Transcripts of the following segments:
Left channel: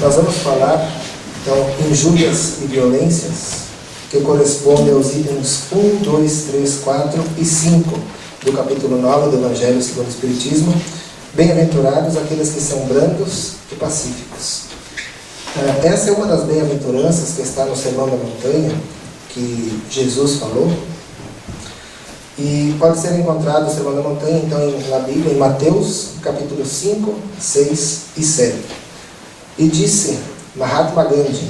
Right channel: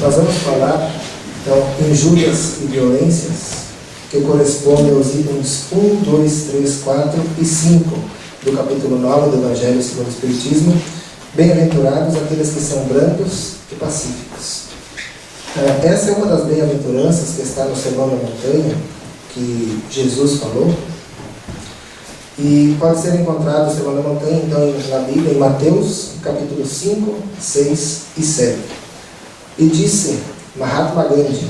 Nós vamos falar, então, injúrias e violências, que corresponde aos itens 1, 2, 3, 4 e 5 do capítulo 9 do Evangelho segundo o Espiritismo. Bem-aventurados aqueles que são brandos e pacíficos. Essa é uma das bem-aventuranças que está no Sermão da Montanha, que Jesus falou, e pode ser encontrado no Sermão da Montanha, então, na Bíblia, em Mateus, capítulo 5, 6 e 7. E disse Mahatma Gandhi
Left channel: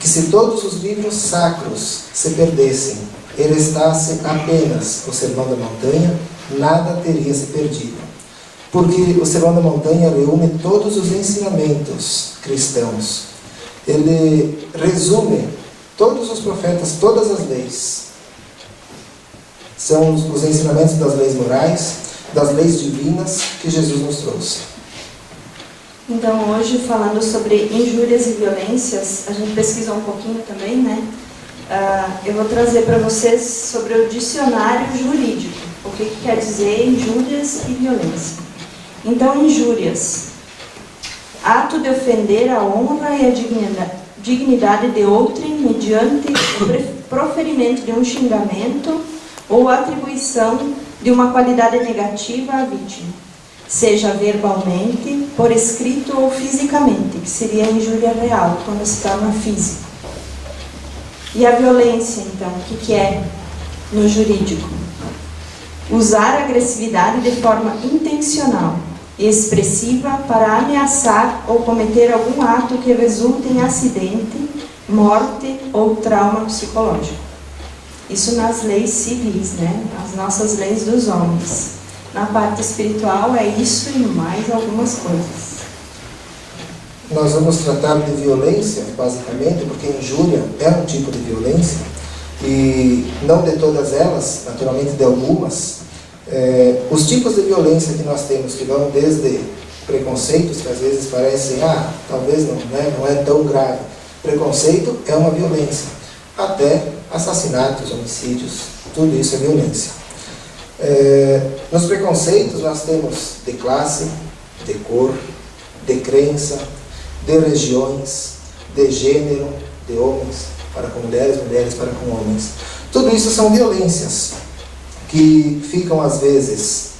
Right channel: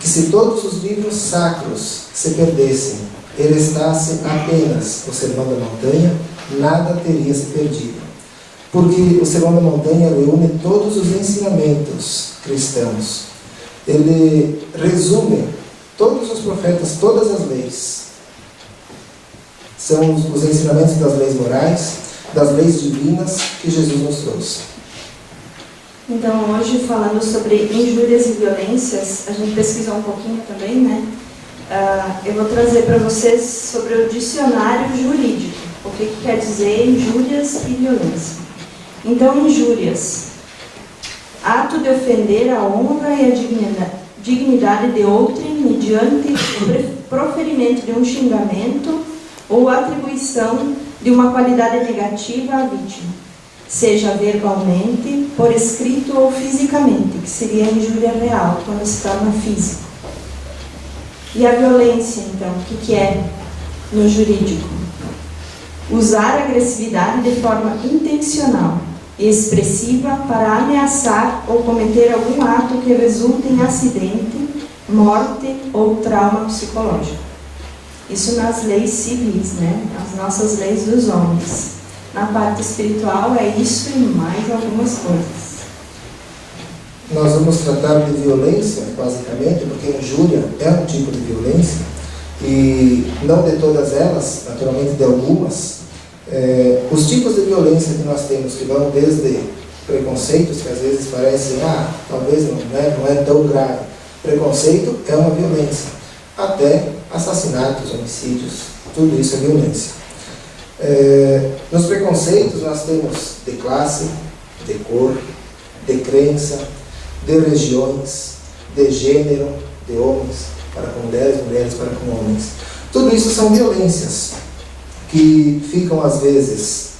que se todos os livros sacros se perdessem e restasse apenas o Sermão da Montanha, nada teria se perdido. Porque o Sermão da Montanha reúne todos os ensinamentos cristãos. Ele resume todos os profetas, todas as leis. São os ensinamentos das leis morais, das leis divinas que Jesus nos trouxe. Então, hoje, falando sobre injúrias e violências, a gente pesquisou um pouquinho também, né? Eu vou trazer para vocês sobre o dicionário jurídico. O que quer dizer injúrias e violência. Então, injúrias: ato de ofender a honra e a dignidade de outrem mediante o proferimento de um xingamento ou atribuição de uma qualidade negativa à vítima, seja verbalmente, por escrito ou fisicamente, que seria a injúria real, quando se torna físico. E a violência, então, o que é no jurídico? Usar a agressividade de forma intencional e expressiva para ameaçar ou cometer algum ato que resulte em acidente, morte ou trauma psicológico. Isso nas leis civis, né? As nossas leis dos homens. Na parte espiritual é isso e mais algumas coisas. Nós vamos tratar de violência, basicamente, porque injúria é um tipo de violência, e não de todas elas, naturalmente de algumas. Os tipos de violência que nós temos, que vão desde preconceitos, que às vezes parecem, talvez não é tão grave. Preconceito é uma violência, até assassinatos, homicídios, tudo isso é violência. Nos preconceitos nós temos de classe, de cor, de crença, de regiões, de gênero, de homens para com mulheres, mulheres para com homens. Tudo isso são violências que ficam às vezes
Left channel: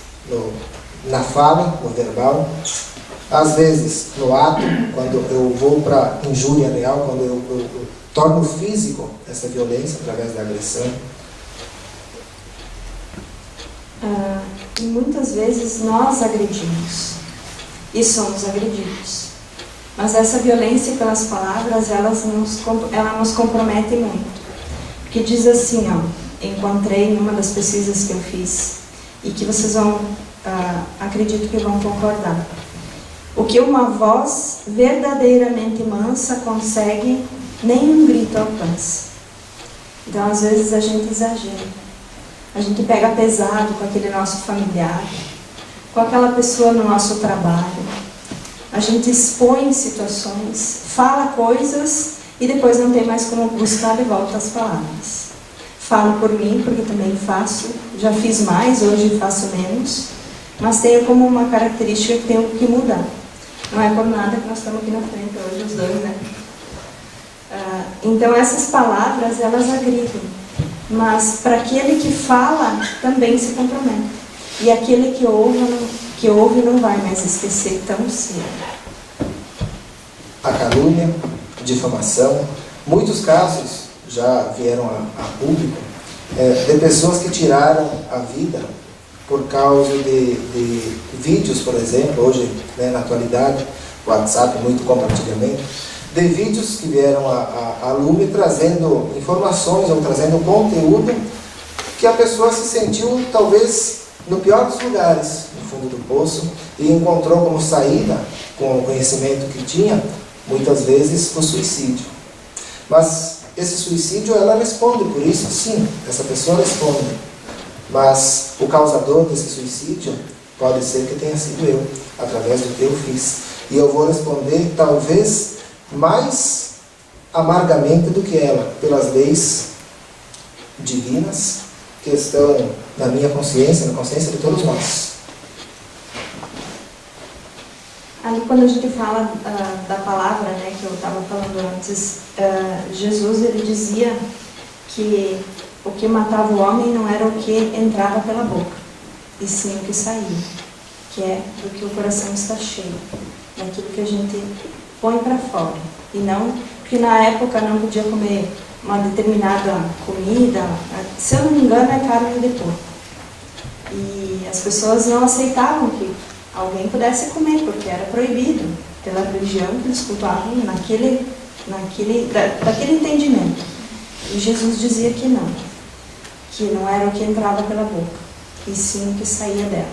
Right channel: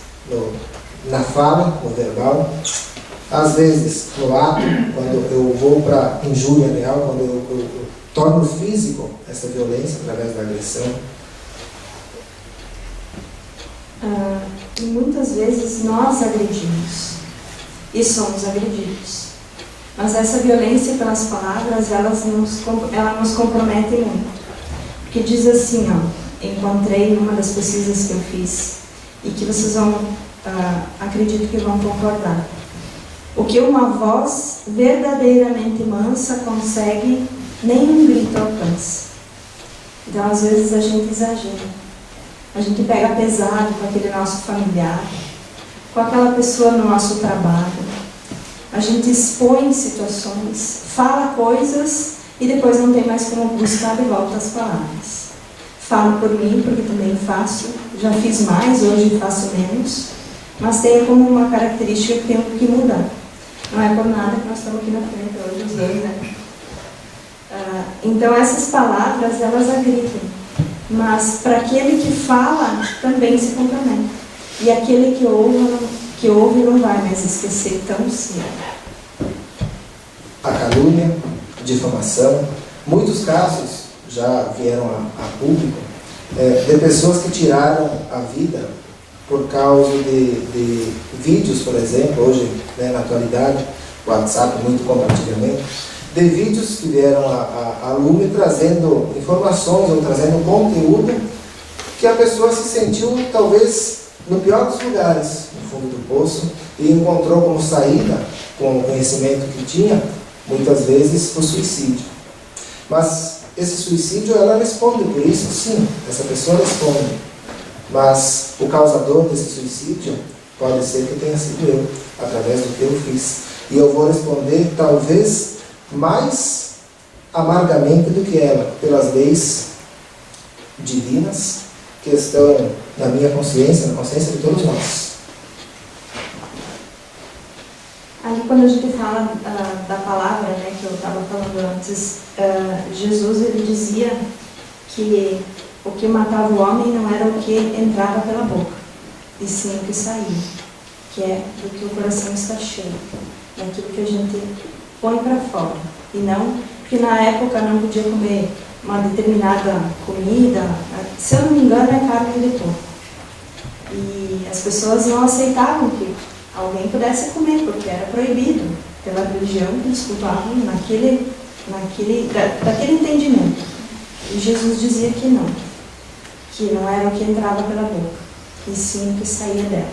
na fala, no verbal, às vezes no ato, quando eu vou para injúria real, quando eu torno físico essa violência através da agressão. E muitas vezes nós agredimos e somos agredidos. Mas essa violência pelas palavras, ela nos compromete muito. Porque diz assim, encontrei numa das pesquisas que eu fiz, e que vocês vão, acredito que vão concordar. O que uma voz verdadeiramente mansa consegue, nenhum grito alcança. Então, às vezes, a gente exagera. A gente pega pesado com aquele nosso familiar, com aquela pessoa no nosso trabalho. A gente expõe situações, fala coisas e depois não tem mais como buscar de volta as palavras. Falo por mim, porque também faço, já fiz mais, hoje faço menos, mas tenho como uma característica que tenho que mudar. Não é por nada que nós estamos aqui na frente hoje, os dois, né? Então essas palavras, elas agridem, mas para aquele que fala, também se compromete. E aquele que ouve não vai mais esquecer tão cedo. A calúnia, difamação, muitos casos já vieram a público, de pessoas que tiraram a vida por causa de vídeos, por exemplo, hoje, na atualidade, o WhatsApp, muito compartilhamento, de vídeos que vieram a lume trazendo informações ou trazendo conteúdo que a pessoa se sentiu, talvez, no pior dos lugares, no fundo do poço, e encontrou como saída, com o conhecimento que tinha, muitas vezes, o suicídio. Mas esse suicídio, ela responde por isso, sim, essa pessoa responde. Mas o causador desse suicídio pode ser que tenha sido eu, através do que eu fiz. E eu vou responder, talvez, mais amargamente do que ela, pelas leis divinas que estão na minha consciência, na consciência de todos nós. Ali quando a gente fala da palavra, né, que eu estava falando antes, Jesus ele dizia que o que matava o homem não era o que entrava pela boca, e sim o que saía, que é do que o coração está cheio, daquilo que a gente põe para fora. E não, porque na época não podia comer uma determinada comida, se eu não me engano é carne de porco. E as pessoas não aceitavam que alguém pudesse comer, porque era proibido pela religião que eles cultuavam daquele entendimento. E Jesus dizia que não era o que entrava pela boca, e sim o que saía dela.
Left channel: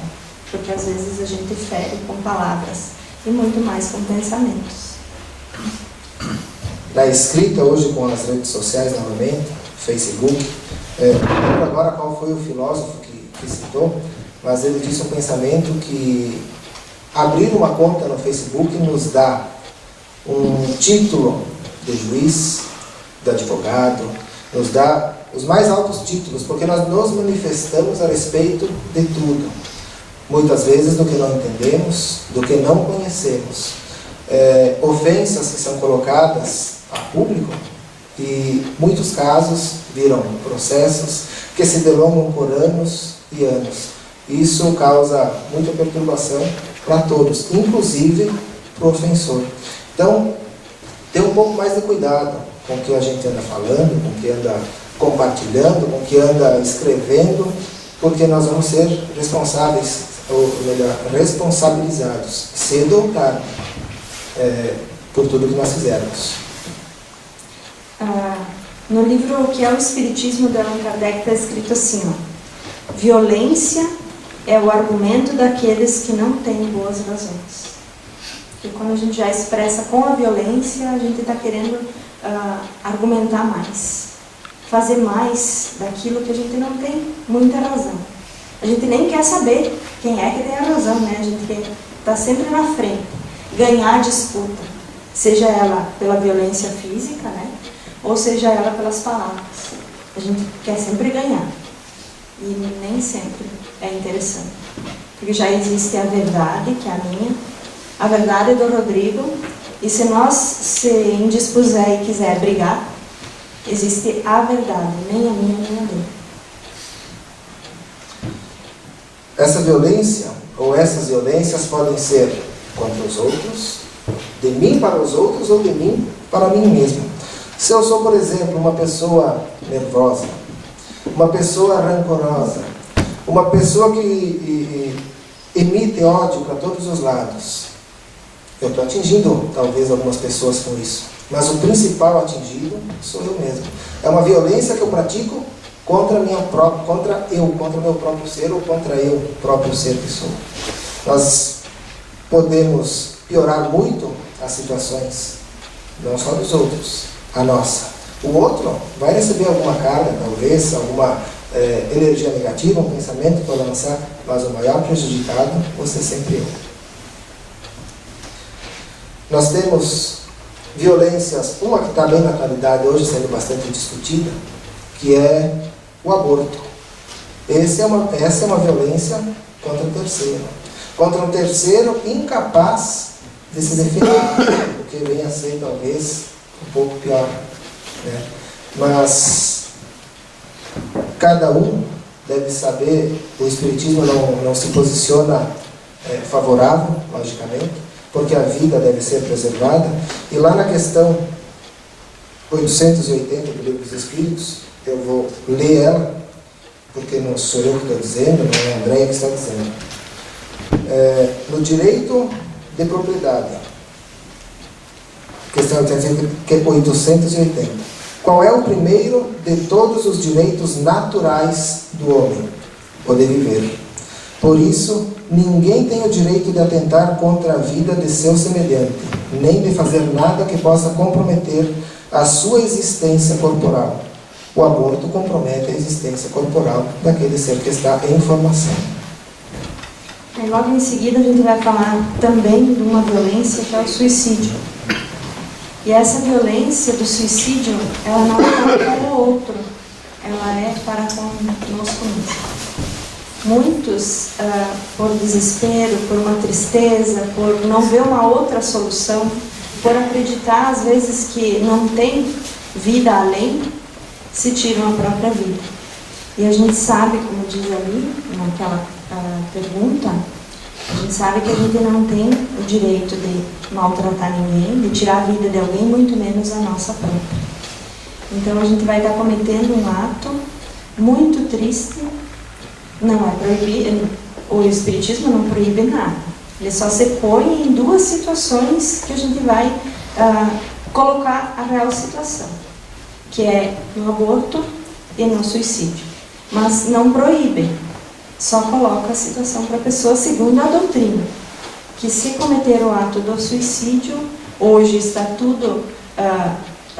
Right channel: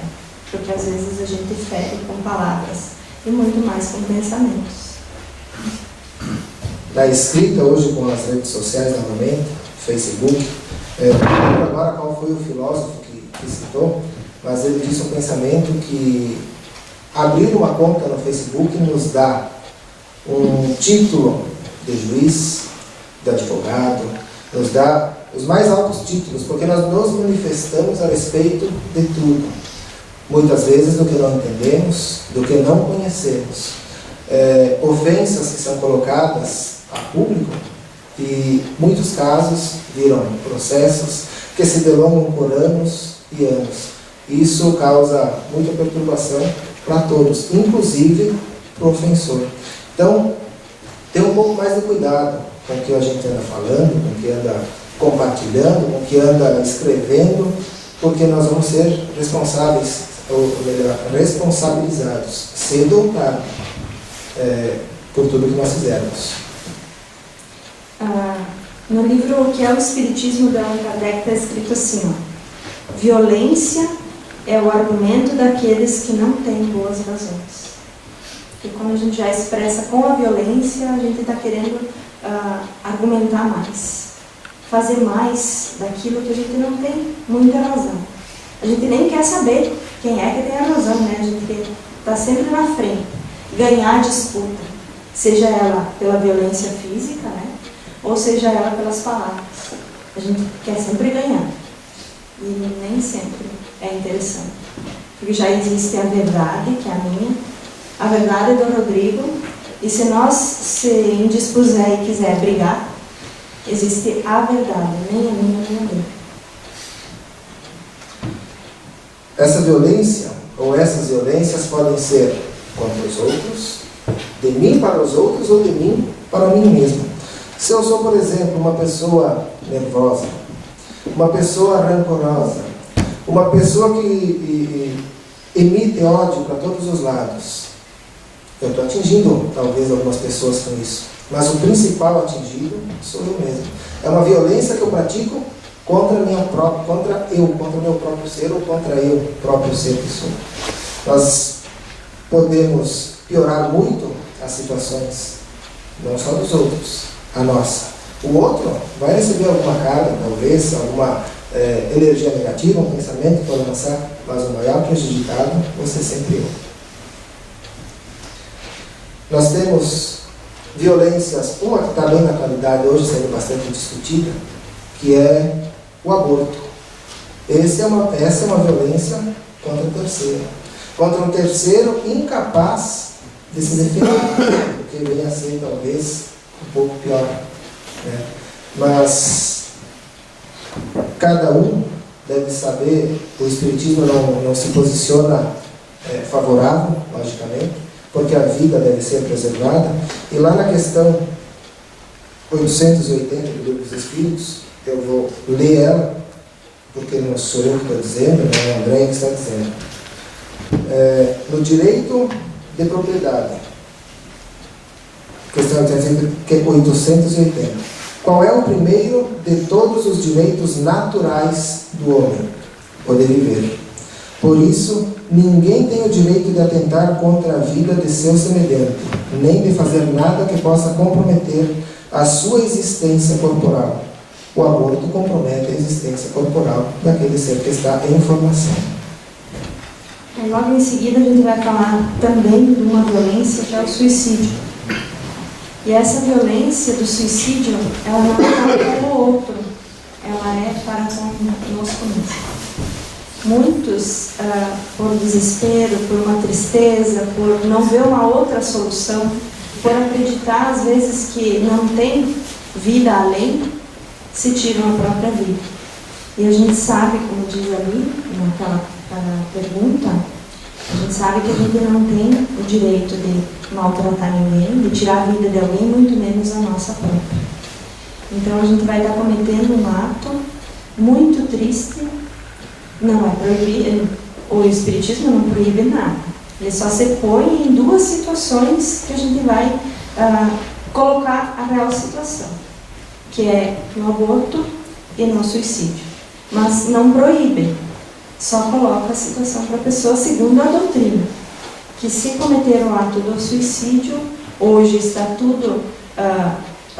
Porque às vezes a gente fere com palavras e muito mais com pensamentos. Na escrita, hoje com as redes sociais novamente, Facebook, não lembro agora qual foi o filósofo que citou, mas ele disse um pensamento que abrir uma conta no Facebook nos dá um título de juiz, de advogado, nos dá os mais altos títulos, porque nós nos manifestamos a respeito de tudo. Muitas vezes do que não entendemos, do que não conhecemos. Ofensas que são colocadas a público, e muitos casos viram processos que se delongam por anos e anos. Isso causa muita perturbação para todos, inclusive para o ofensor. Então, ter um pouco mais de cuidado com o que a gente anda falando, com o que anda compartilhando, com o que anda escrevendo, porque nós vamos ser responsáveis, ou melhor, responsabilizados, cedo ou tarde, por tudo que nós fizermos. No livro O que é o Espiritismo, de Allan Kardec, está escrito assim, ó: violência é o argumento daqueles que não têm boas razões. E quando a gente já expressa com a violência, a gente está querendo argumentar mais, fazer mais daquilo que a gente não tem muita razão. A gente nem quer saber quem é que tem a razão, né? A gente quer estar sempre na frente, ganhar a disputa, seja ela pela violência física, né? Ou seja ela pelas palavras. A gente quer sempre ganhar. E nem sempre é interessante. Porque já existe a verdade, que é a minha, a verdade do Rodrigo, e se nós se indispuser e quiser brigar, existe a verdade, nem a minha, nem a dele. Essa violência, ou essas violências, podem ser contra os outros, de mim para os outros, ou de mim para mim mesmo. Se eu sou, por exemplo, uma pessoa nervosa, uma pessoa rancorosa, uma pessoa que emite ódio para todos os lados, eu estou atingindo talvez algumas pessoas com isso, mas o principal atingido sou eu mesmo. É uma violência que eu pratico contra o meu próprio ser, ou contra eu próprio ser que sou. Nós podemos piorar muito as situações, não só dos outros, a nossa. O outro vai receber alguma carga, talvez, alguma energia negativa, um pensamento que vai lançar, mas o maior prejudicado vai ser sempre eu. Nós temos violências, uma que está bem na atualidade hoje, sendo bastante discutida, que é o aborto. Essa é uma violência contra o terceiro. Contra um terceiro incapaz de se defender, o que vem a ser, talvez, um pouco pior, né? Mas cada um deve saber, o Espiritismo não se posiciona favorável, logicamente, porque a vida deve ser preservada. E lá na questão 880 do Livro dos Espíritos, eu vou ler ela, porque não sou eu que estou dizendo, não é a Andréia que está dizendo. No direito de propriedade, questão 880. Qual é o primeiro de todos os direitos naturais do homem? O de viver. Por isso, ninguém tem o direito de atentar contra a vida de seu semelhante, nem de fazer nada que possa comprometer a sua existência corporal. O aborto compromete a existência corporal daquele ser que está em formação. E logo em seguida a gente vai falar também de uma violência que é o suicídio. E essa violência do suicídio, ela não é para o outro, ela é para conosco mesmo. Muitos, por desespero, por uma tristeza, por não ver uma outra solução, por acreditar às vezes que não tem vida além, se tiram a própria vida. E a gente sabe, como diz ali naquela pergunta, a gente sabe que a gente não tem o direito de maltratar ninguém, de tirar a vida de alguém, muito menos a nossa própria. Então a gente vai estar cometendo um ato muito triste. Não é proibido, o Espiritismo não proíbe nada. Ele só se põe em duas situações que a gente vai colocar a real situação, que é no aborto e no suicídio. Mas não proíbe, só coloca a situação para a pessoa segundo a doutrina, que se cometer o ato do suicídio, hoje está tudo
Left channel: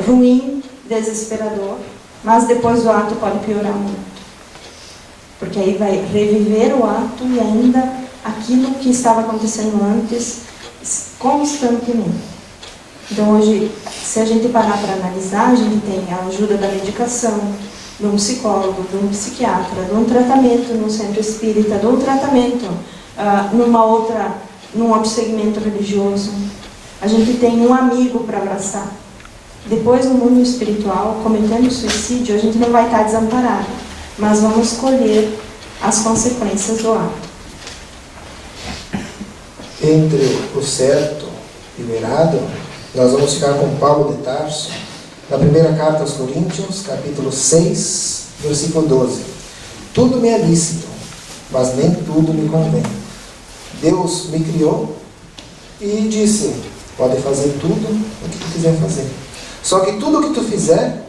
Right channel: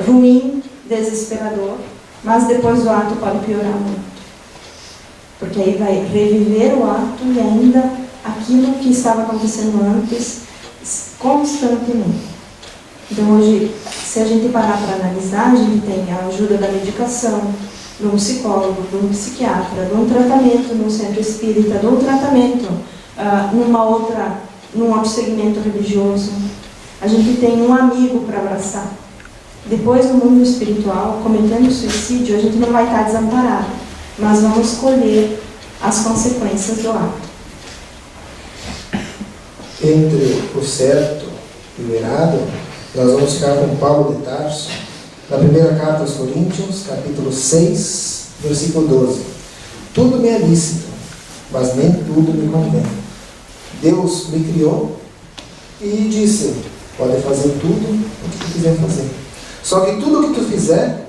ruim, desesperador, mas depois do ato pode piorar muito. Porque aí vai reviver o ato e ainda aquilo que estava acontecendo antes, constantemente. Então hoje, se a gente parar para analisar, a gente tem a ajuda da medicação, de um psicólogo, de um psiquiatra, de um tratamento num centro espírita, de um tratamento num outro segmento religioso. A gente tem um amigo para abraçar. Depois, no mundo espiritual, cometendo suicídio, a gente não vai estar desamparado, mas vamos colher as consequências do ato. Entre o certo e o errado, nós vamos ficar com Paulo de Tarso, na primeira carta aos Coríntios, capítulo 6, versículo 12. Tudo me é lícito, mas nem tudo me convém. Deus me criou e disse, pode fazer tudo o que tu quiser fazer. Só que tudo o que tu fizer,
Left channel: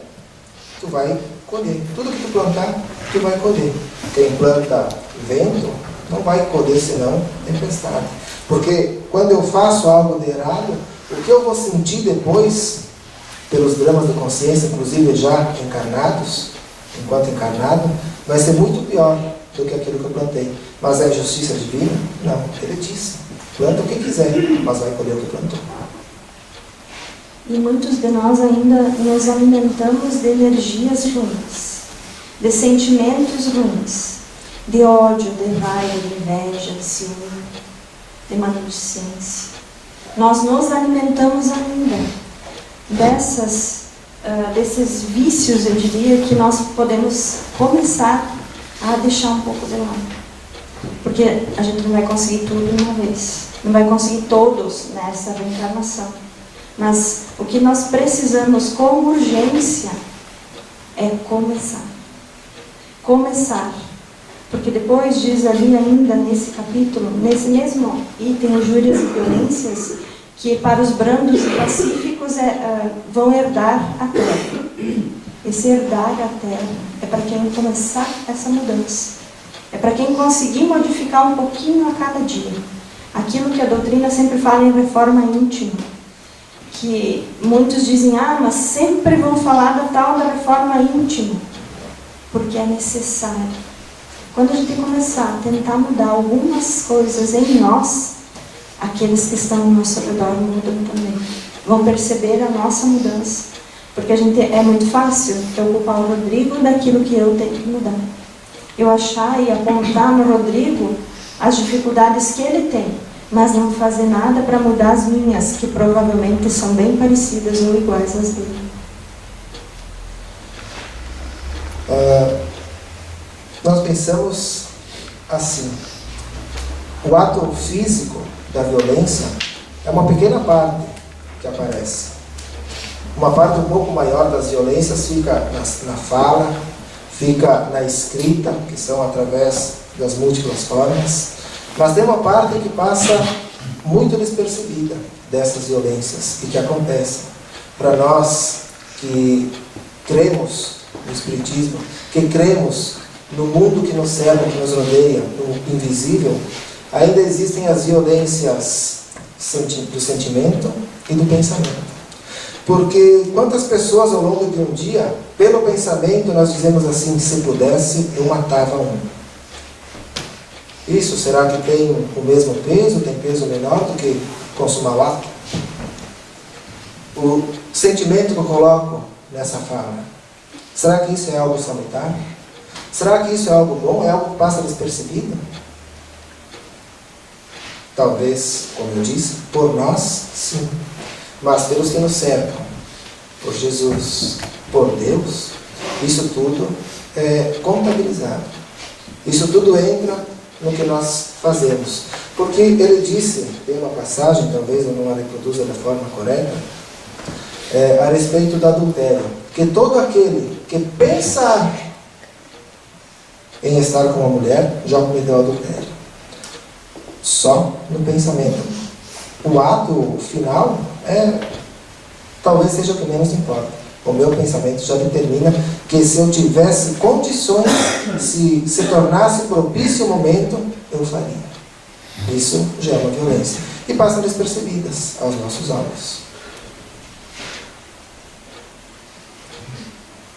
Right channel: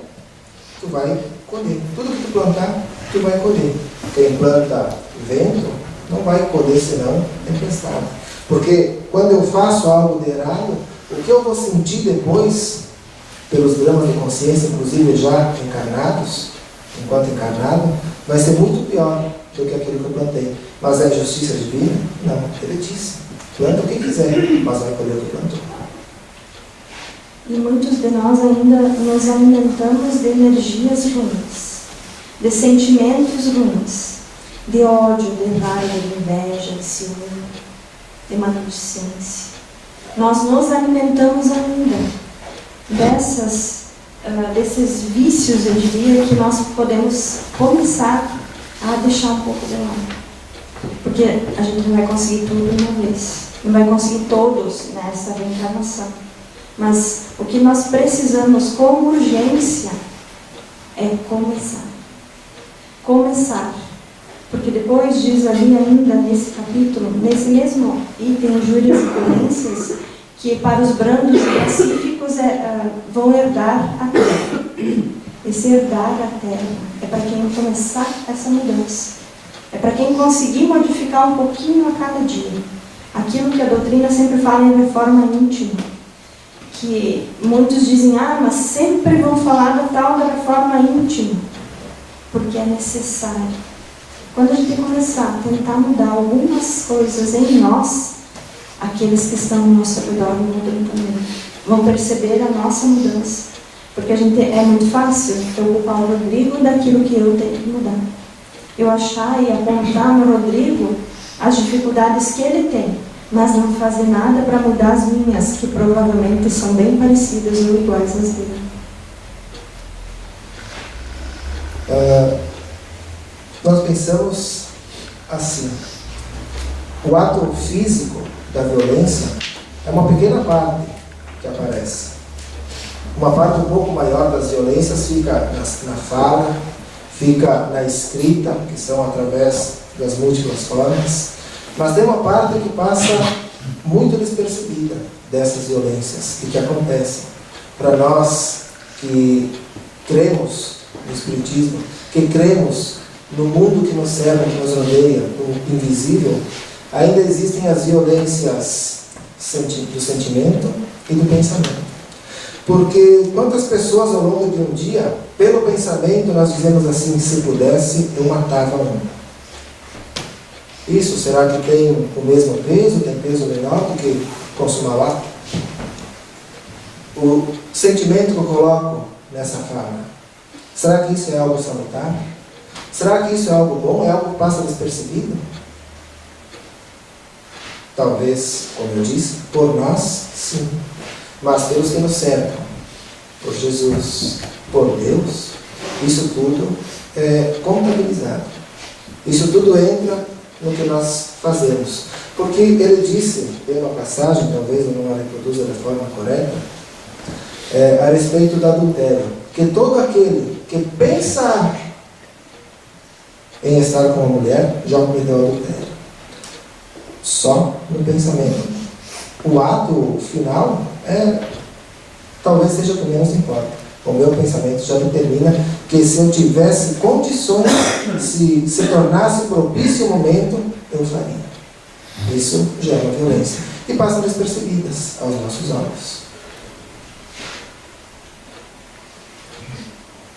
tu vai colher. Tudo que tu plantar, tu vai colher. Quem planta vento, não vai colher senão tempestade. Porque quando eu faço algo de errado, o que eu vou sentir depois, pelos dramas de consciência, inclusive já encarnados, enquanto encarnado, vai ser muito pior do que aquilo que eu plantei. Mas é justiça divina? Não, ele disse, planta o que quiser, mas vai colher o que plantou. E muitos de nós ainda nos alimentamos de energias ruins, de sentimentos ruins, de ódio, de raiva, de inveja, de ciúme, de maledicência. Nós nos alimentamos ainda desses vícios, eu diria, que nós podemos começar a deixar um pouco de lado. Porque a gente não vai conseguir tudo de uma vez, não vai conseguir todos nessa reencarnação. Mas o que nós precisamos com urgência é começar. Começar. Porque depois diz ali ainda nesse capítulo, nesse mesmo item, injúrias e violências, que para os brandos e pacíficos vão herdar a terra. Esse herdar a terra é para quem começar essa mudança. É para quem conseguir modificar um pouquinho a cada dia. Aquilo que a doutrina sempre fala em reforma íntima. Que muitos dizem, mas sempre vão falar da tal da reforma íntima. Porque é necessário. Quando a gente começar a tentar mudar algumas coisas em nós, aqueles que estão ao nosso redor mudam também. Vão perceber a nossa mudança. Porque é muito fácil eu culpar o Rodrigo daquilo que eu tenho que mudar. Eu achar e apontar no Rodrigo as dificuldades que ele tem, mas não fazer nada para mudar as minhas, que provavelmente são bem parecidas ou iguais às dele. Nós pensamos assim, o ato físico da violência é uma pequena parte que aparece. Uma parte um pouco maior das violências fica na fala, fica na escrita, que são através das múltiplas formas, mas tem uma parte que passa muito despercebida dessas violências e que acontecem. Para nós que cremos no Espiritismo, que cremos no mundo que nos cerca, que nos rodeia, no invisível, ainda existem as violências do sentimento e do pensamento. Porque quantas pessoas ao longo de um dia, pelo pensamento, nós dizemos assim, se pudesse, eu matava um. Isso, será que tem o mesmo peso, tem peso menor do que consumar o ato? O sentimento que eu coloco nessa fala, será que isso é algo salutar? Será que isso é algo bom? É algo que passa despercebido? Talvez, como eu disse, por nós, sim. Mas pelos que nos cercam, por Jesus, por Deus, isso tudo é contabilizado. Isso tudo entra no que nós fazemos. Porque ele disse, tem uma passagem, talvez eu não a reproduza da forma correta, a respeito do adultério, que todo aquele que pensar em estar com uma mulher já cometeu adultério. Só no pensamento. O ato final talvez seja o que menos importa. O meu pensamento já determina que se eu tivesse condições, se tornasse propício o momento, eu faria. Isso já é uma violência. E passam despercebidas aos nossos olhos.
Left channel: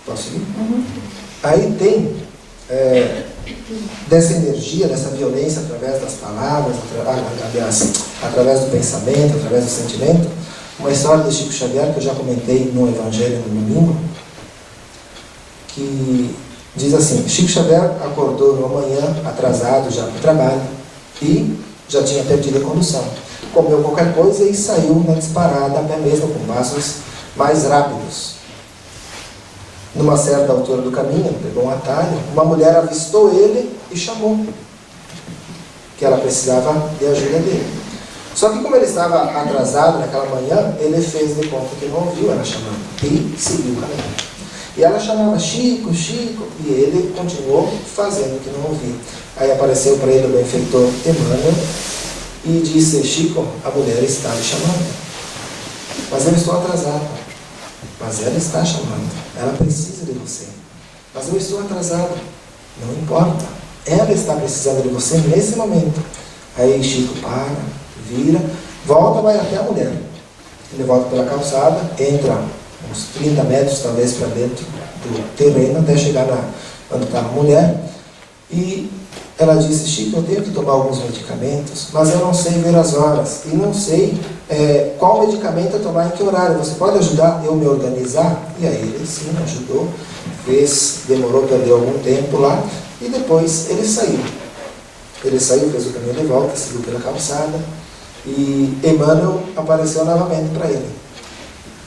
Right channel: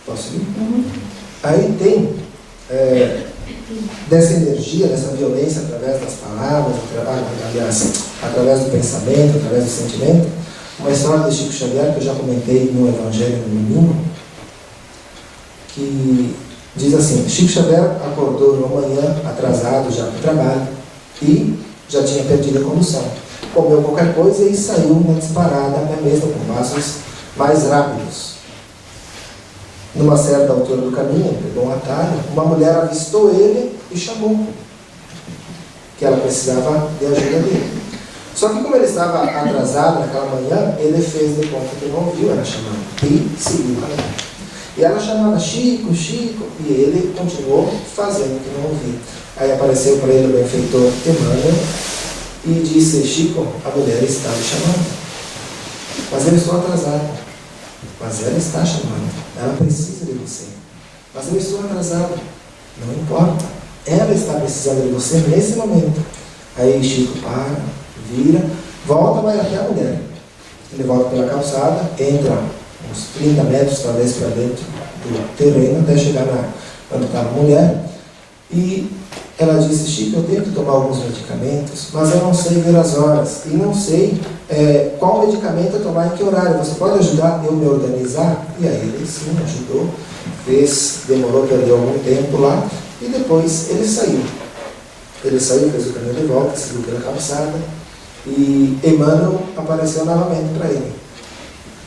Posso seguir? Aí tem dessa energia, dessa violência através das palavras, aliás, através do pensamento, através do sentimento, uma história de Chico Xavier que eu já comentei no Evangelho no domingo, que diz assim: Chico Xavier acordou numa manhã atrasado já para o trabalho e já tinha perdido a condução. Comeu qualquer coisa e saiu na disparada, até mesmo com passos mais rápidos. Numa certa altura do caminho, pegou um atalho, uma mulher avistou ele e chamou que ela precisava de ajuda dele. Só que como ele estava atrasado naquela manhã, ele fez de conta que não ouviu ela chamando e seguiu o caminho. E ela chamava Chico, Chico, e ele continuou fazendo o que não ouvia. Aí apareceu para ele o benfeitor Emmanuel e disse: Chico, a mulher está lhe chamando. Mas eu estou atrasado. Mas ela está chamando. Ela precisa de você. Mas eu estou atrasado. Não importa. Ela está precisando de você nesse momento. Aí Chico para, vira, volta, vai até a mulher. Ele volta pela calçada, entra uns 30 metros talvez para dentro do terreno, até chegar onde estava a mulher. E ela disse: Chico, eu tenho que tomar alguns medicamentos, mas eu não sei ver as horas. E não sei qual medicamento eu tomar em que horário. Você pode ajudar eu me organizar? E aí ele sim ajudou. Demorou, perdeu algum tempo lá. E depois ele saiu. Ele saiu, fez o caminho de volta, seguiu pela calçada. E Emmanuel apareceu novamente para ele.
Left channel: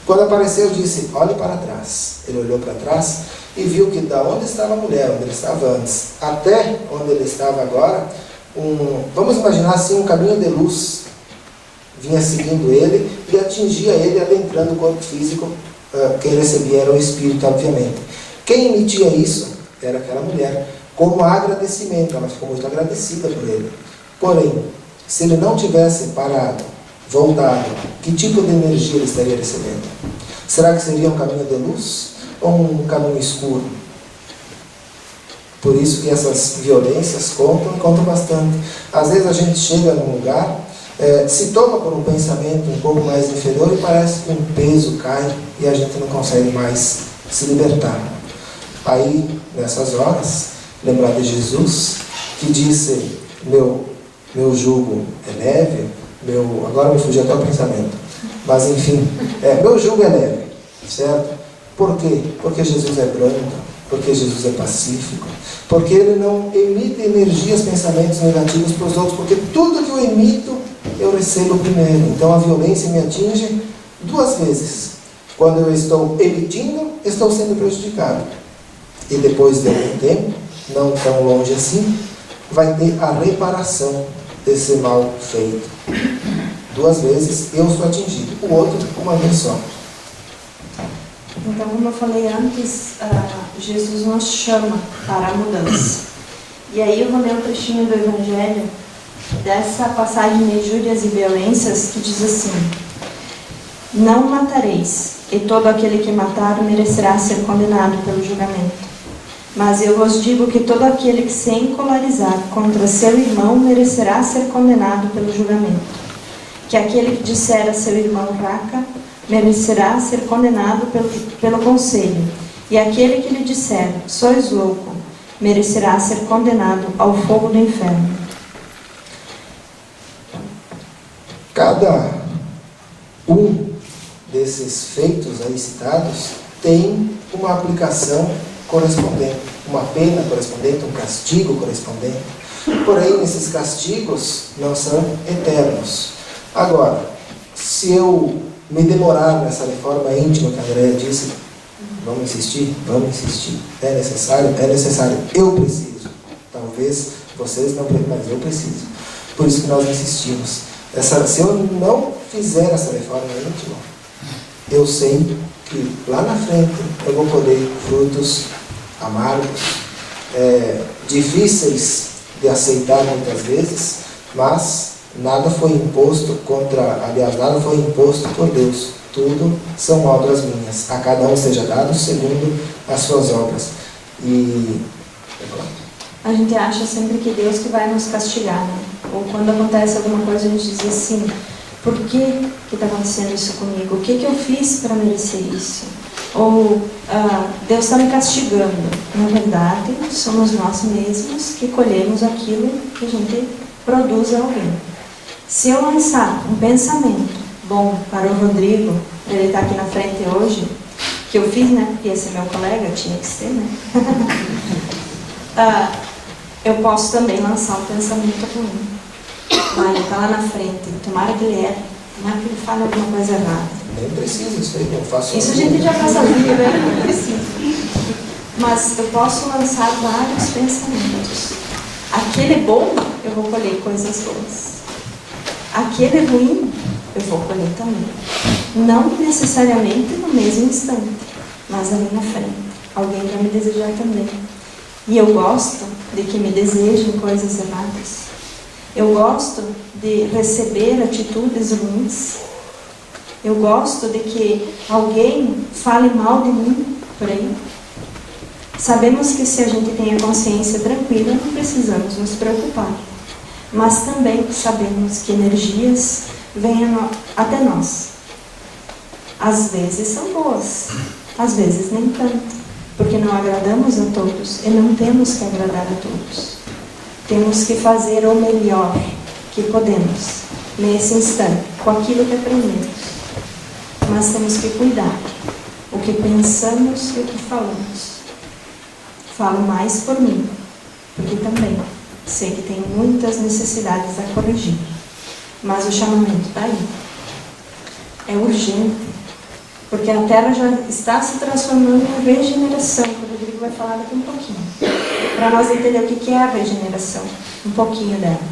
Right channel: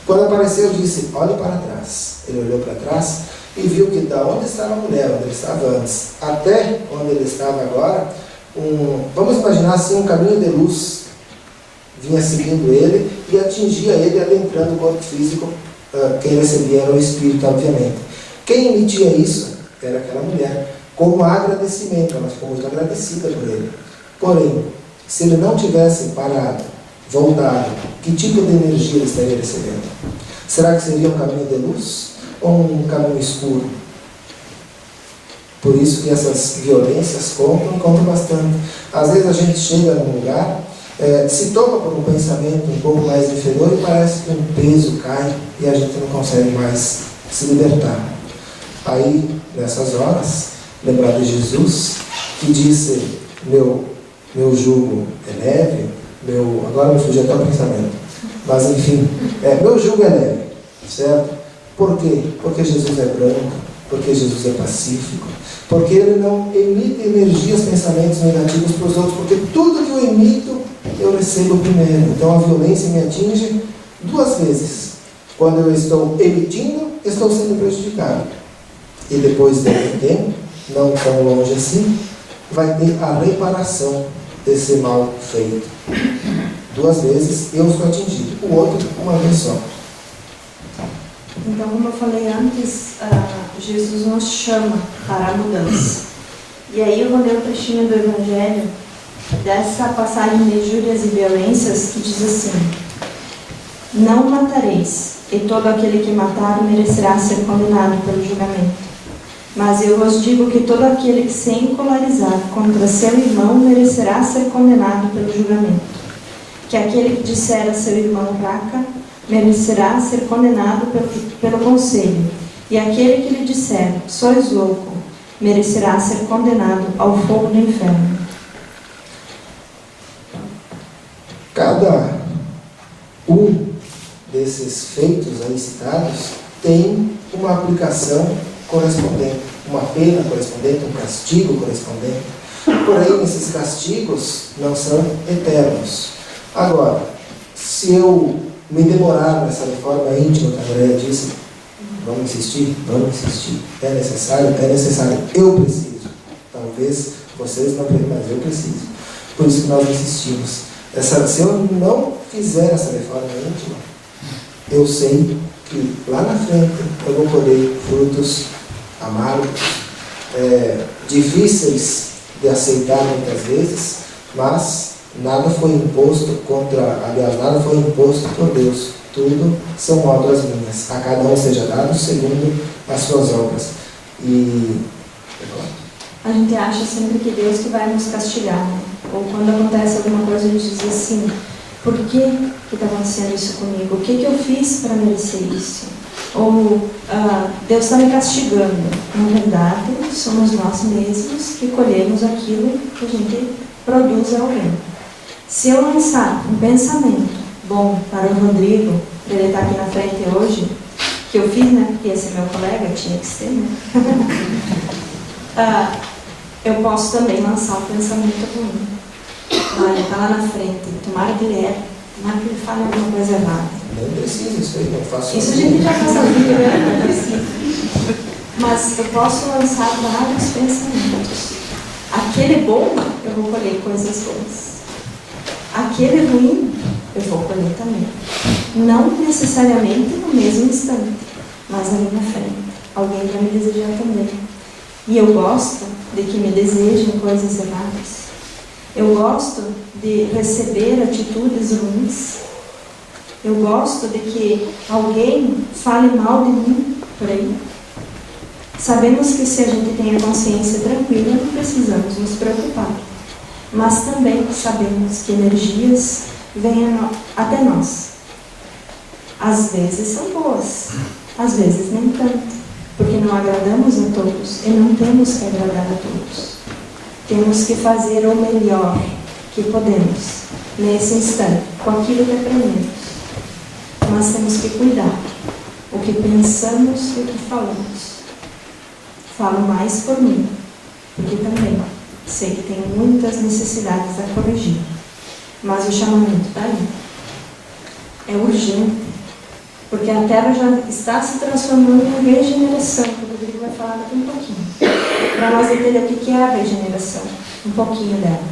Quando apareceu, disse: olhe para trás. Ele olhou para trás e viu que da onde estava a mulher, onde ele estava antes, até onde ele estava agora, vamos imaginar assim, um caminho de luz vinha seguindo ele e atingia ele, adentrando o corpo físico. Quem recebia era o espírito, obviamente. Quem emitia isso era aquela mulher, como agradecimento. Ela ficou muito agradecida por ele. Porém, se ele não tivesse parado, voltado, que tipo de energia ele estaria recebendo? Será que seria um caminho de luz ou um caminho escuro? Por isso que essas violências contam bastante. Às vezes a gente chega num lugar, se toma por um pensamento um pouco mais inferior e parece que um peso cai e a gente não consegue mais se libertar. Aí, nessas horas, lembrar de Jesus, que disse: meu jugo é leve, agora me fugiu até o pensamento, mas enfim, meu jugo é leve, certo? Por quê? Porque Jesus é branco, porque Jesus é pacífico, porque ele não emite energias, pensamentos negativos para os outros, porque tudo que eu emito, eu recebo primeiro. Então a violência me atinge duas vezes. Quando eu estou emitindo, estou sendo prejudicado. E depois de algum tempo, não tão longe assim, vai ter a reparação desse mal feito. Duas vezes eu sou atingido, o outro uma vez só. Então, como eu falei antes, Jesus nos chama para a mudança. E aí eu vou ler um trechinho do Evangelho, dessa passagem de injúrias e violências, que diz assim: não matareis, e todo aquele que matar merecerá ser condenado pelo julgamento. Mas eu vos digo que todo aquele que se encolarizar contra seu irmão merecerá ser condenado pelo julgamento. Que aquele que disser a seu irmão raca merecerá ser condenado pelo conselho. E aquele que lhe disser sois louco merecerá ser condenado ao fogo do inferno. Cada um desses feitos aí citados tem uma aplicação correspondente. uma pena correspondente, um castigo correspondente. Porém, esses castigos não são eternos. Agora, se eu me demorar nessa reforma íntima que a Andréa disse, vamos insistir, é necessário, eu preciso. Talvez vocês não, mas eu preciso. Por isso que nós insistimos. Se eu não fizer essa reforma íntima, eu sei que lá na frente eu vou colher frutos amargos, difíceis de aceitar muitas vezes, mas nada foi imposto nada foi imposto por Deus. Tudo são obras minhas. A cada um seja dado segundo as suas obras. E a gente acha sempre que Deus que vai nos castigar, né? Ou quando acontece alguma coisa, a gente diz assim, por que está acontecendo isso comigo? O que eu fiz para merecer isso? Ou Deus está me castigando. Na verdade, somos nós mesmos que colhemos aquilo que a gente produz a alguém. Se eu lançar um pensamento bom para o Rodrigo, para ele estar aqui na frente hoje, que eu fiz, né? Porque esse é meu colega, tinha que ser, né? Eu posso também lançar um pensamento ruim. Olha, está lá na frente, tomara que ele erre, tomara que ele fale alguma coisa errada. Nem precisa isso aí, não faço. Isso a gente já faz a vida, né? Não precisa. Mas eu posso lançar vários pensamentos. Aquele bom, eu vou colher coisas boas. Aquele ruim, eu vou colher também. Não necessariamente no mesmo instante, mas ali na frente. Alguém vai me desejar também. E eu gosto de que me desejem coisas erradas. Eu gosto de receber atitudes ruins. Eu gosto de que alguém fale mal de mim por aí. Sabemos que se a gente tem a consciência tranquila, não precisamos nos preocupar. Mas também sabemos que energias vêm até nós. Às vezes são boas, às vezes nem tanto, porque não agradamos a todos e não temos que agradar a todos. Temos que fazer o melhor que podemos nesse instante, com aquilo que aprendemos. Mas temos que cuidar o que pensamos e o que falamos. Falo mais por mim, porque também sei que tenho muitas necessidades a corrigir. Mas o chamamento está aí. É urgente, porque a Terra já está se transformando em regeneração, que o Rodrigo vai falar daqui um pouquinho. Para nós entender o que é a regeneração, um pouquinho dela.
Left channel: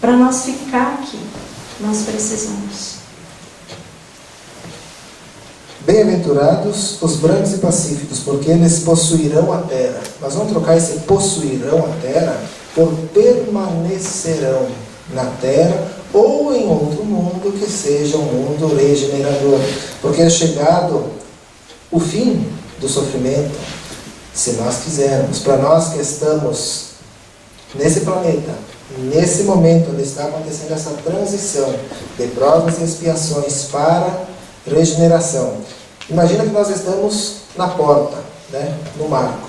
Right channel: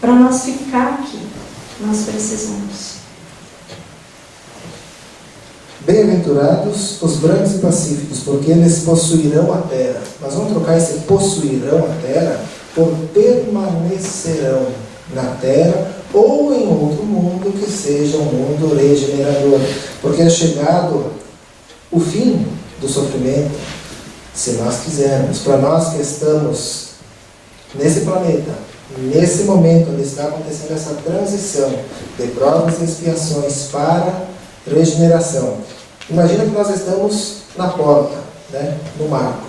Para nós ficar aqui, nós precisamos. Bem-aventurados os brancos e pacíficos, porque eles possuirão a terra. Nós vamos trocar esse possuirão a terra por permanecerão na terra ou em outro mundo que seja um mundo regenerador. Porque é chegado o fim do sofrimento, se nós quisermos. Para nós que estamos nesse planeta, nesse momento onde está acontecendo essa transição de provas e expiações para regeneração. Imagina que nós estamos na porta, né, no marco.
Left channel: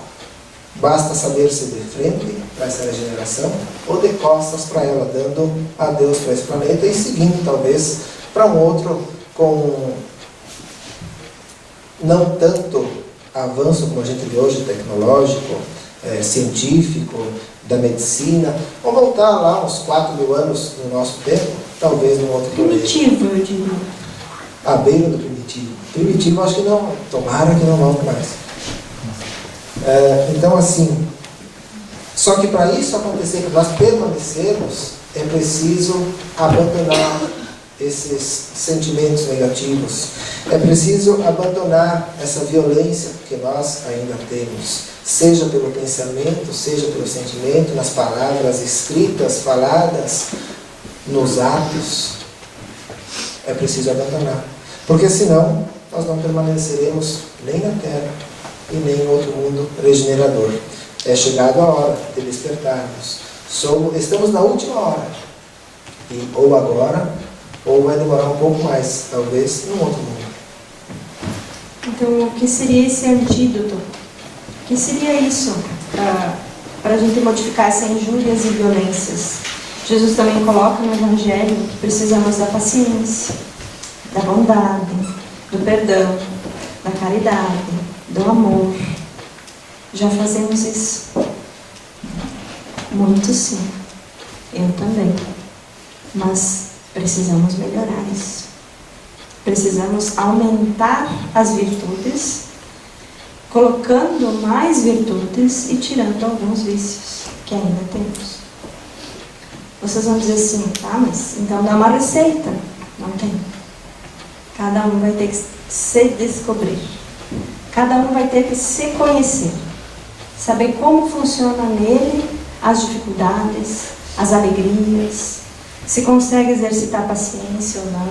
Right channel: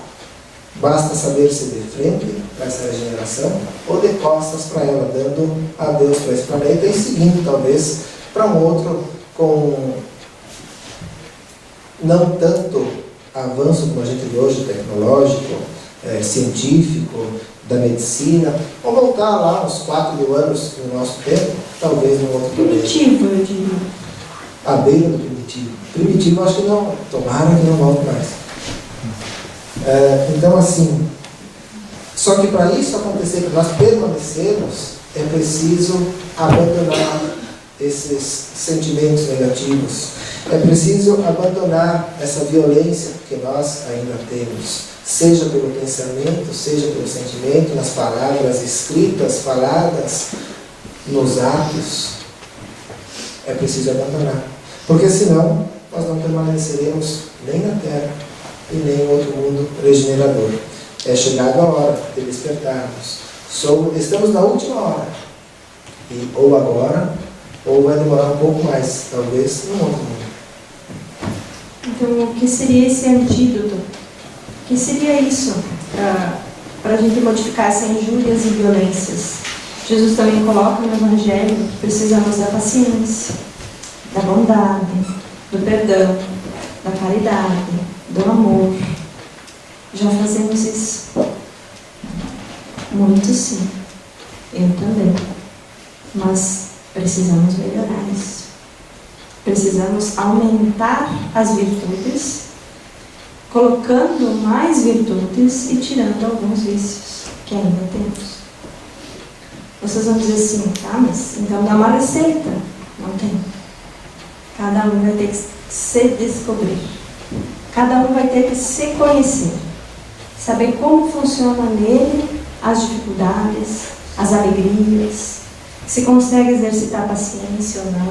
Basta saber se de frente para essa regeneração ou de costas para ela, dando adeus para esse planeta e seguindo talvez para um outro com não tanto avanço como a gente vê hoje, tecnológico, científico, da medicina, ou voltar lá uns 4.000 anos no nosso tempo, talvez num outro planeta. Primitivo, eu diria. À beira do primitivo. Primitivo acho que não, tomara que não volte mais. Então assim, só que para isso acontecer, para nós permanecermos, é preciso abandonar esses sentimentos negativos. É preciso abandonar essa violência que nós ainda temos, seja pelo pensamento, seja pelo sentimento, nas palavras escritas, faladas, nos atos. É preciso abandonar. Porque senão nós não permaneceremos nem na Terra e nem em outro mundo regenerador. É chegada a hora de despertarmos. Estamos na última hora. E ou agora, ou vai demorar um pouco mais, talvez, num outro mundo. Então, o que seria esse antídoto? O que seria isso para a gente modificar essas injúrias e violências? Jesus também coloca no Evangelho que precisamos da paciência, da bondade, do perdão, da caridade, do amor. Já fazemos isso. Muito sim. Eu também. Mas precisamos melhorar isso. Precisamos aumentar as virtudes, colocando mais virtudes e tirando alguns vícios que ainda temos. Vocês vão dizer assim, tá, mas então dá uma receita. Não tem. Cada um vai ter que se descobrir. Cada um vai ter que se conhecer. Saber como funciona nele as dificuldades, as alegrias, se consegue exercitar a paciência ou não.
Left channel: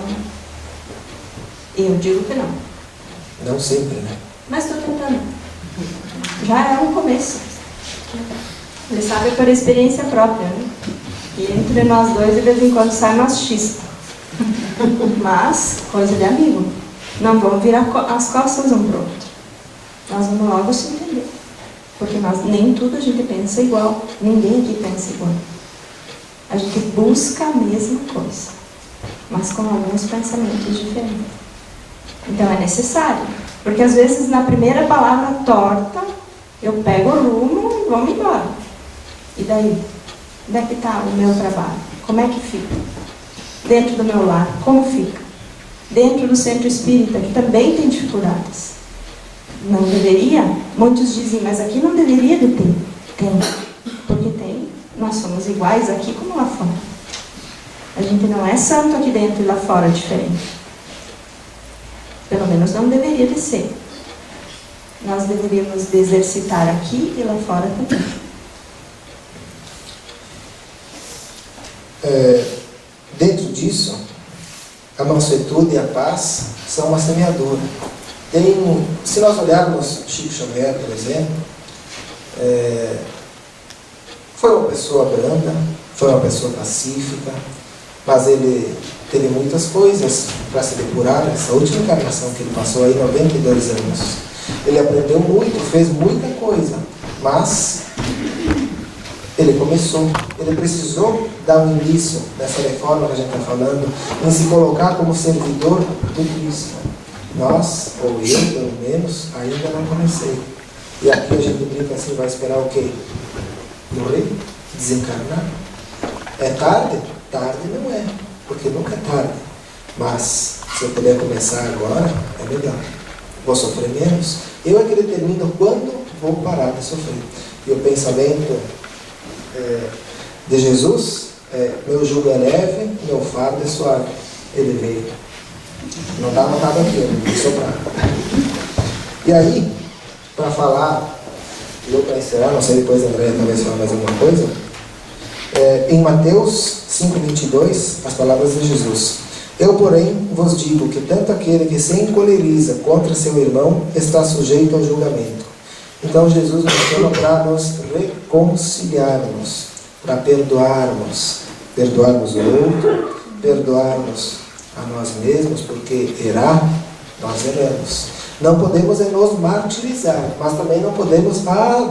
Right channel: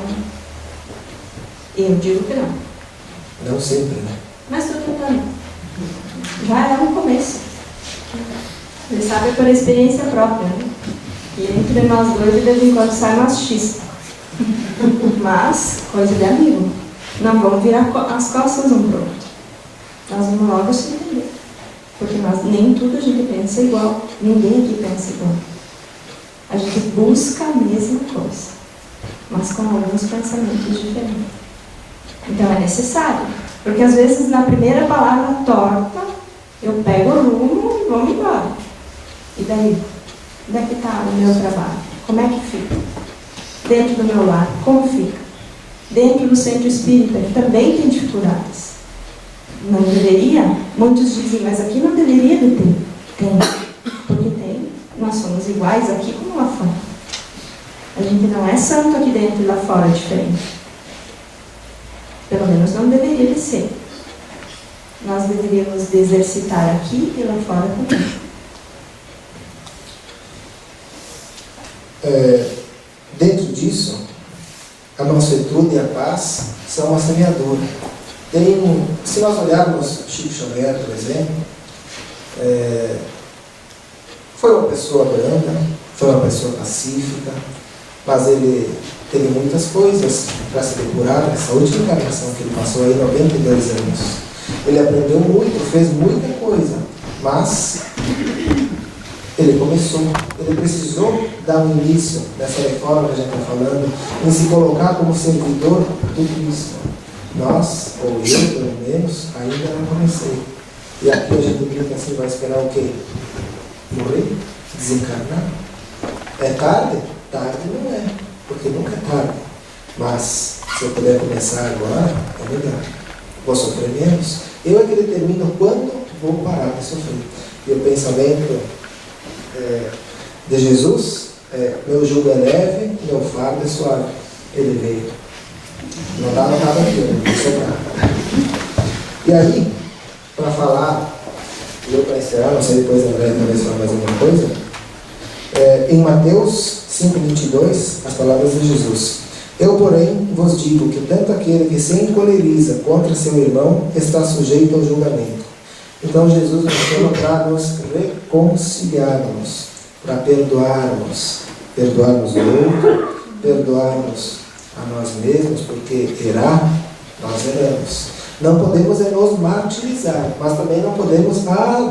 Eu digo que não. Não sempre, né? Mas estou tentando. Já é um começo. Ele sabe por experiência própria, né? E entre nós dois, de vez em quando, sai umas chispas. Mas, coisa de amigo. Não vamos virar as costas um para o outro. Nós vamos logo se entender. Porque nem tudo a gente pensa igual. Ninguém aqui pensa igual. A gente busca a mesma coisa, mas com alguns pensamentos diferentes. Então é necessário. Porque às vezes na primeira palavra torta, eu pego o rumo e vamos embora. E daí? Onde é que está o meu trabalho? Como é que fica? Dentro do meu lar, como fica? Dentro do centro espírita, que também tem dificuldades. Não deveria? Muitos dizem, mas aqui não deveria de ter. Tem. Porque tem. Nós somos iguais aqui como lá fora. A gente não é santo aqui dentro e lá fora diferente. Pelo menos não deveria de ser. Nós deveríamos exercitar aqui e lá fora também. Dentro disso, a mansuetude e a paz são uma semeadura. Se nós olharmos Chico Xavier, por exemplo, foi uma pessoa branda, foi uma pessoa pacífica, mas ele teve muitas coisas para se depurar nessa última encarnação que ele passou aí 92 anos. Ele aprendeu muito, fez muita coisa, mas ele começou, ele precisou dar um início dessa reforma que a gente está falando, em se colocar como servidor do Cristo. Nós, ou eu pelo menos, ainda não comecei. E aqui a gente brinca assim, vai esperar o quê? Morrer? Desencarnar? É tarde? Tarde não é, porque nunca é tarde. Mas, se eu puder começar agora, é melhor. Vou sofrer menos. Eu é que determino quando vou parar de sofrer. E o pensamento de Jesus meu jugo é leve, meu fardo é suave. Ele veio. Não está anotado aqui, eu vou soprar. E aí, para falar, e eu para encerrar, não sei, depois a Andréia talvez falar mais alguma coisa, em Mateus 5,22, as palavras de Jesus. Eu, porém, vos digo que tanto aquele que se encoleriza contra seu irmão está sujeito ao julgamento. Então Jesus nos chama para nos reconciliarmos, para perdoarmos o outro, perdoarmos a nós mesmos, porque nós erramos. Não podemos nos martirizar, mas também não podemos,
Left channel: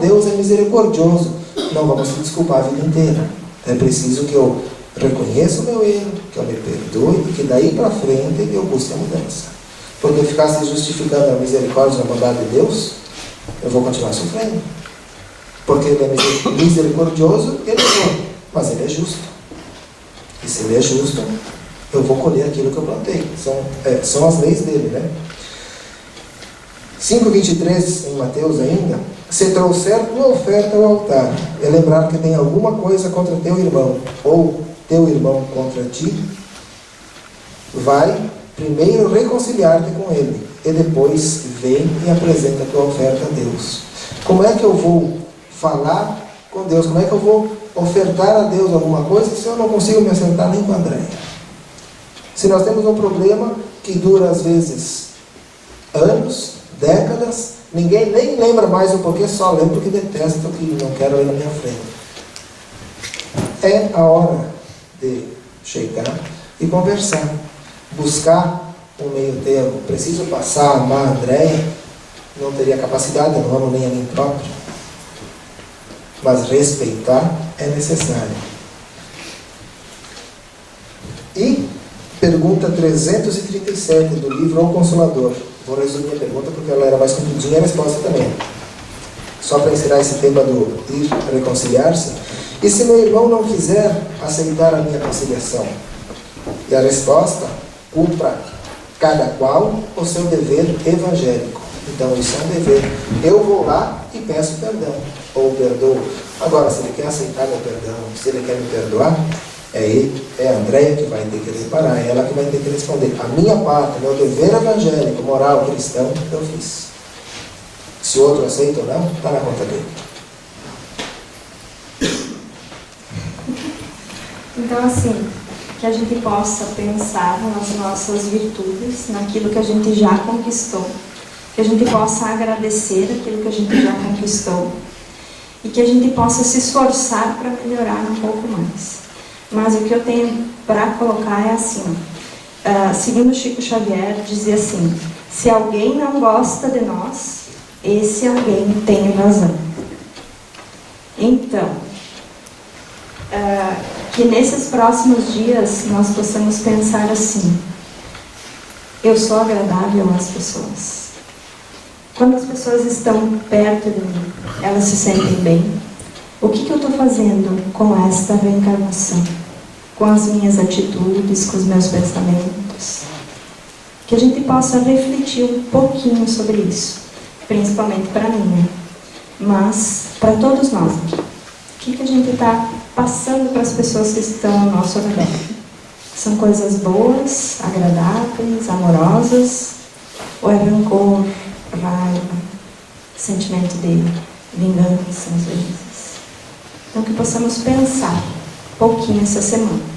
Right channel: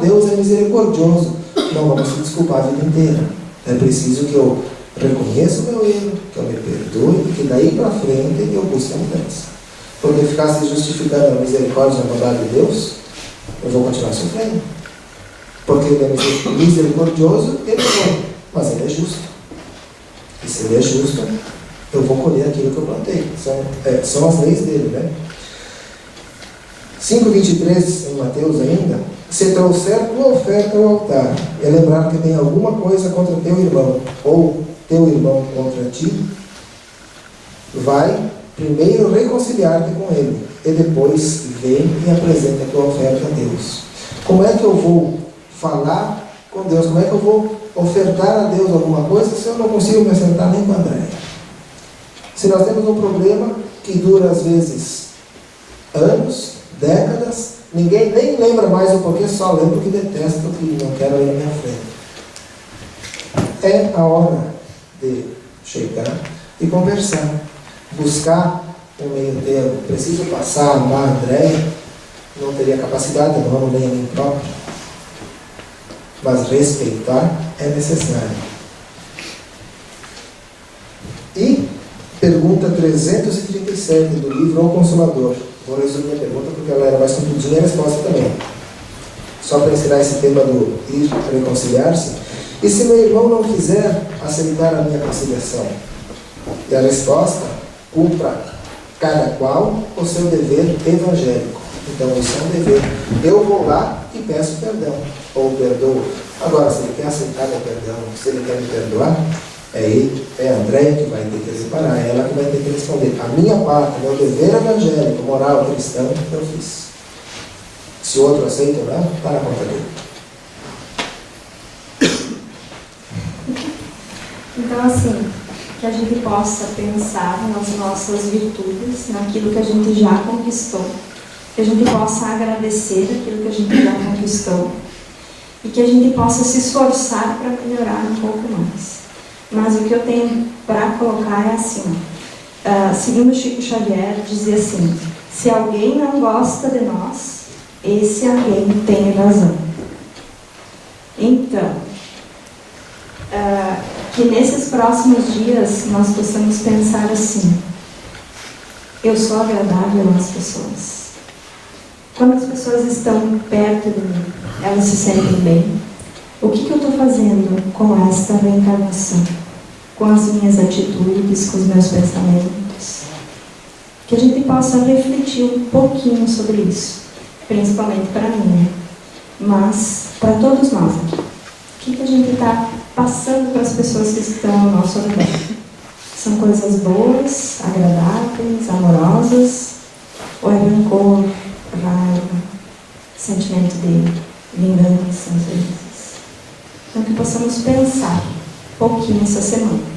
Deus é misericordioso. Não vamos se desculpar a vida inteira. É preciso que eu reconheça o meu erro, que eu me perdoe e que daí para frente eu busque a mudança. Porque ficar se justificando a misericórdia e a bondade de Deus, eu vou continuar sofrendo. Porque ele é misericordioso, ele é, mas ele é justo. E se ele é justo, eu vou colher aquilo que eu plantei. São as leis dele, né? 5,23 em Mateus ainda. Se trouxer tua oferta ao altar, e lembrar que tem alguma coisa contra teu irmão, ou teu irmão contra ti, vai primeiro reconciliar-te com ele, e depois vem e apresenta a tua oferta a Deus. Como é que eu vou falar com Deus? Como é que eu vou ofertar a Deus alguma coisa se eu não consigo me acertar nem com a Andréia? Se nós temos um problema que dura às vezes anos, décadas, ninguém nem lembra mais o porquê, só lembra que detesta, que não quero ir na minha frente. É a hora de chegar e conversar, buscar um meio termo. Preciso passar a amar a Andréia, não teria capacidade, não amo nem a mim próprio, mas respeitar é necessário. E pergunta 337 do livro O Consolador. Vou resumir a pergunta porque ela era mais compridinha e a resposta também. só para ensinar esse tema do ir reconciliar-se. E se meu irmão não quiser aceitar a minha conciliação? E a resposta: cumpra cada qual o seu dever evangélico. Então isso é um dever. Eu vou lá e peço perdão, ou perdoo. Agora, se ele quer aceitar meu perdão, se ele quer me perdoar, é ele, é a Andréia que vai ter que reparar, é ela que vai ter que responder. A minha parte, meu dever evangélico, moral, cristão, eu fiz. Se o outro aceita ou não, está na conta dele. Então, assim, que a gente possa pensar nas nossas virtudes, naquilo que a gente já conquistou, que a gente possa agradecer aquilo que a gente já conquistou e que a gente possa se esforçar para melhorar um pouco mais. Mas o que eu tenho para colocar é assim, segundo Chico Xavier, dizia assim: se alguém não gosta de nós, esse alguém tem razão. Então, que nesses próximos dias nós possamos pensar assim: eu sou agradável às pessoas. Quando as pessoas estão perto de mim, elas se sentem bem. O que eu estou fazendo com esta reencarnação? Com as minhas atitudes, com os meus pensamentos? Que a gente possa refletir um pouquinho sobre isso, principalmente para mim, né? Mas para todos nós aqui. O que a gente está passando para as pessoas que estão ao nosso redor? São coisas boas, agradáveis, amorosas? Ou é rancor, raiva, sentimento de vingança, às vezes? Então que possamos pensar um pouquinho essa semana.